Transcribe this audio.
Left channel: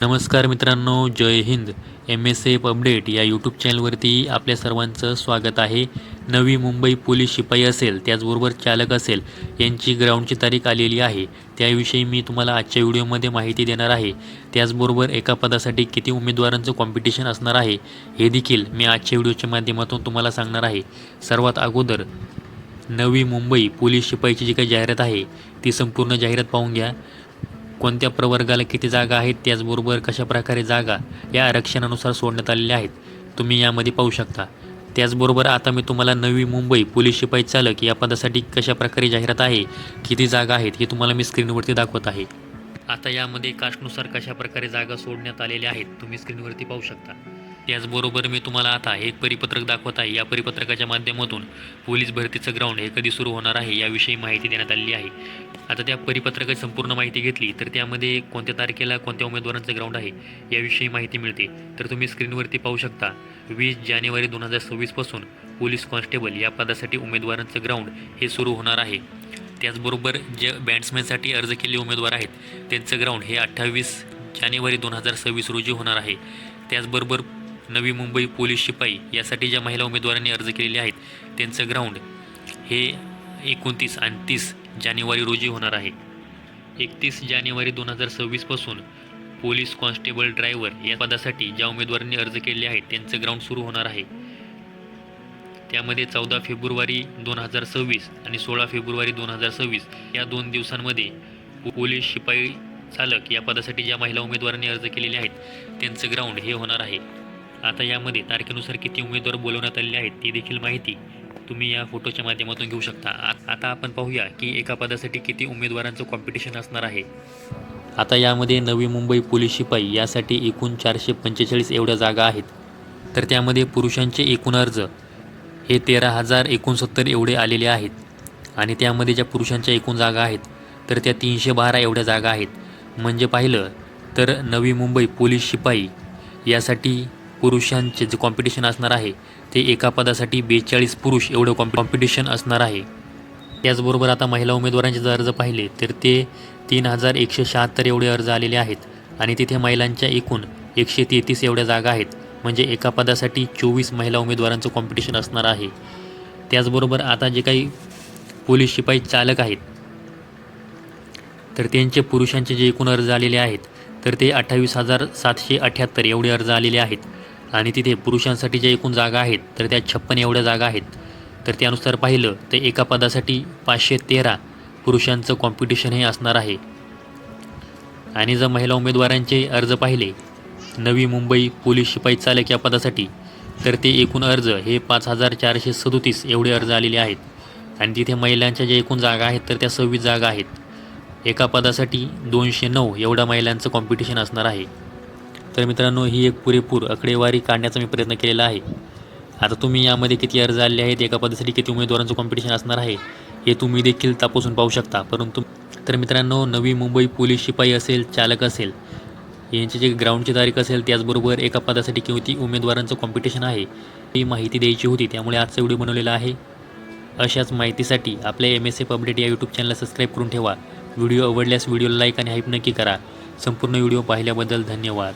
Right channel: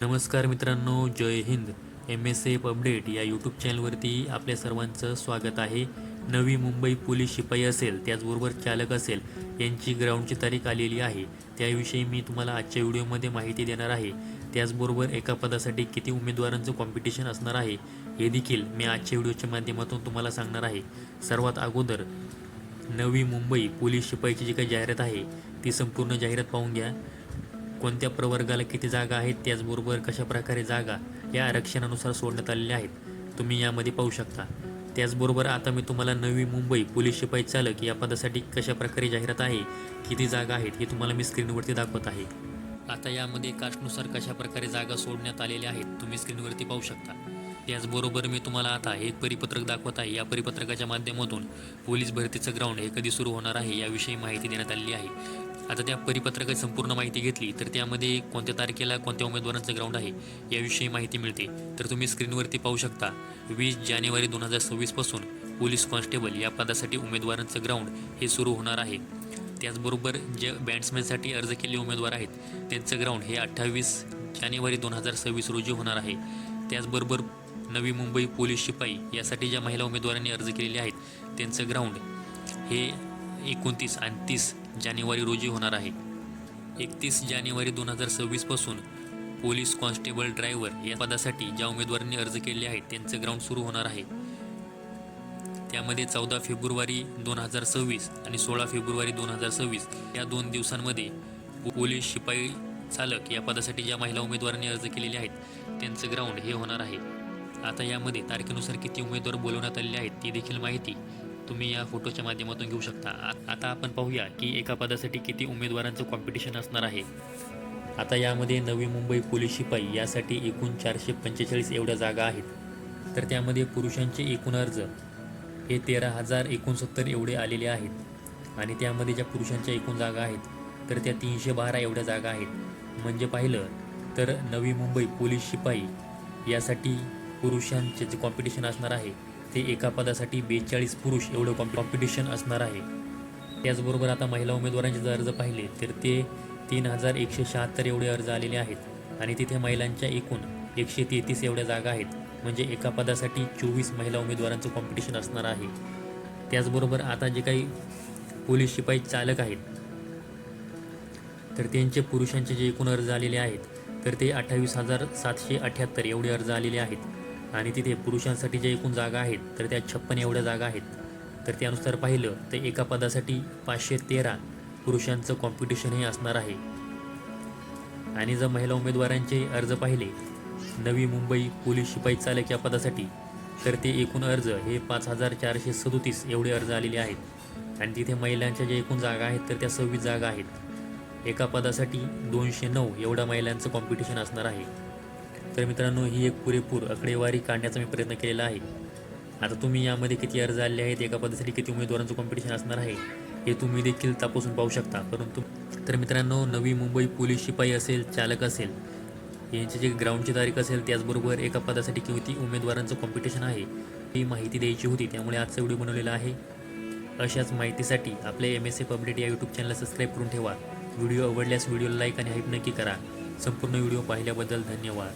नमस्कार मित्रांनो जय Hind. M S F update या यूट्यूब चॅनलवरती आपल्या सर्वांचं स्वागत आहे. नवी मुंबई पोलीस शिपाई असेल त्याचबरोबर चालक असेल यांची ग्राउंडची तारीख आलेली आहे. त्याविषयी मी तुम्हाला आजच्या व्हिडिओमध्ये माहिती देणार आहे. त्याचबरोबर एका पदासाठी किती उमेदवारांचं कॉम्पिटिशन असणार आहे हे देखील मी आजच्या व्हिडिओच्या माध्यमातून तुम्हाला सांगणार आहे. सर्वात अगोदर नवी मुंबई पोलीस शिपाईची जी काही जाहिरात आहे ती संपूर्ण जाहिरात पाहून घ्या. कोणत्या प्रवर्गाला किती जागा आहेत त्याचबरोबर कशा प्रकारे जागा या आरक्षणानुसार सोडण्यात आलेल्या आहेत तुम्ही यामध्ये पाहू शकता. त्याचबरोबर आता मी तुम्हाला नवी मुंबई पोलीस शिपाई चालक या पदासाठी कशा प्रकारे जाहिरात आहे किती जागा आहेत हे तुम्हाला मी स्क्रीनवरती दाखवत आहे. आता यामध्ये कास्टनुसार कशा प्रकारे जागा सोडण्यात आलेल्या आहेत तुम्ही स्क्रीनवरती पाहू शकता. त्याचबरोबर मी तुम्हाला आता एक परिपत्रक दाखवत आहे या परिपत्रकाच्या माध्यमातून पोलीस भरतीचं ग्राउंड हे कधी सुरू होणार आहे याविषयी माहिती देण्यात आलेली आहे. आता त्या परिपत्रकाची संपूर्ण माहिती घेतली तर त्यामध्ये कोणत्या तारखेला कोणत्या उमेदवारांचं ग्राउंड आहे याविषयी माहिती मिळते. तर तुम्ही स्क्रीनवरती पाहू शकता वीस जानेवारी दोन हजार सव्वीसपासून पोलीस कॉन्स्टेबल या पदासाठी उमेदवारांचं ग्राउंड हे सुरू होणार आहे. त्याचबरोबर जे बॅट्समॅनसाठी अर्ज केलेले उमेदवार आहेत त्यांचं ग्राउंड हे अठ्ठावीस जानेवारी दोन हजार सव्वीस रोजी होणार आहे. त्याचबरोबर नवी मुंबई पोलीस शिपाई यासाठी ज्या महिला उमेदवारांनी अर्ज केलेले आहेत त्यांचं ग्राउंड हे एकोणतीस आणि तीस जानेवारी रोजी होणार आहे. एकतीस जानेवारी दोन हजार सव्वीसपासून पोलीस कॉन्स्टेबल ड्रायव्हर या पदासाठी ज्या उमेदवारांनी अर्ज केले आहेत त्यांचं ग्राउंड सुरू होणार आहे. त्यामध्ये चौदा फेब्रुवारी दोन हजार सव्वीस आणि सोळा फेब्रुवारी दोन हजार सव्वीस या दोन दिवसांमध्ये पोलीस शिपाई चालक या पदासाठी ज्या महिला उमेदवारांनी अर्ज केलेले आहेत त्यांचं ग्राउंड हे होणार आहे. आता यामध्ये तारखेनुसार किती उमेदवार बोलवण्यात आलेले आहेत ती देखील माहिती तुम्ही या फोटोच्या माध्यमातून घेऊ शकता. आ- आता आपण पाहूया की एका पदासाठी किती उमेदवारांचं कॉम्पिटिशन असणार आहे. आता यामध्ये नवी मुंबई पोलीस शिपाई यासाठी एकूण चारशे पंचेचाळीस एवढ्या जागा आहेत. तर त्यामध्ये पुरुषांचे एकूण अर्ज हे तेरा हजार एकोणसत्तर एवढे आलेले आहेत. आणि त्यामध्ये ज्या पुरुषांच्या एकूण जागा आहेत तर त्या तीनशे बारा एवढ्या जागा आहेत. म्हणजे पाहिलं तर नवी मुंबई पोलीस शिपाई यासाठी पुरुषांचे जे कॉम्पिटिशन असणार आहे ते एका पदासाठी बेचाळीस पुरुष एवढं कॉम्पि कॉम्पिटिशन असणार आहे. त्याचबरोबर आता महिला उमेदवारांचे जर अर्ज पाहिले तर ते तीन हजार एकशे शहात्तर एवढे अर्ज आलेले आहेत आणि तिथे महिलांच्या एकूण एकशे तेहतीस एवढ्या जागा आहेत. म्हणजे एका पदासाठी चोवीस महिला उमेदवारांचं कॉम्पिटिशन असणार आहे. त्याचबरोबर आता जे काही पोलीस शिपाई चालक आहेत तर त्यांचे पुरुषांचे जे एकूण अर्ज आलेले आहेत तर ते अठ्ठावीस हजार सातशे अठ्ठ्याहत्तर एवढे अर्ज आलेले आहेत. आणि तिथे पुरुषांसाठी ज्या एकूण जागा आहेत तर त्या छप्पन एवढ्या जागा आहेत. तर त्यानुसार पाहिलं तर एका पदासाठी पाचशे तेरा पुरुषांचं कॉम्पिटिशन हे असणार आहे. आणि जर महिला उमेदवारांचे अर्ज पाहिले नवी मुंबई पोलीस शिपाई चालक या पदासाठी तर ते एकूण अर्ज हे पाच हजार चारशे सदोतीस एवढे अर्ज आलेले आहेत. आणि तिथे महिलांच्या ज्या एकूण जागा आहेत तर त्या सव्वीस जागा आहेत. एका पदासाठी दोनशे नऊ एवढा महिलांचं कॉम्पिटिशन असणार आहे. तर मित्रांनो ही एक पुरेपूर आकडेवारी काढण्याचा मी प्रयत्न केलेला आहे. आता तुम्ही यामध्ये किती अर्ज आले आहेत एका पदासाठी किती उमेदवारांचं कॉम्पिटिशन असणार आहे हे तुम्ही देखील तपासून पाहू शकता. परंतु तर मित्रांनो नवी मुंबई पोलीस शिपाई असेल चालक असेल यांची जी ग्राउंडची तारीख असेल त्याचबरोबर एका पदासाठी किती उमेदवारांचं कॉम्पिटिशन आहे ही माहिती द्यायची होती. त्यामुळे आजचा व्हिडिओ बनवलेला आहे. अशाच माहितीसाठी आपल्या एम एस एफ अपडेट या यूट्यूब चॅनलला सबस्क्राईब करून ठेवा. व्हिडिओ आवडल्यास व्हिडिओला लाईक आणि हाईप नक्की करा. संपूर्ण व्हिडिओ पाहिल्याबद्दल धन्यवाद.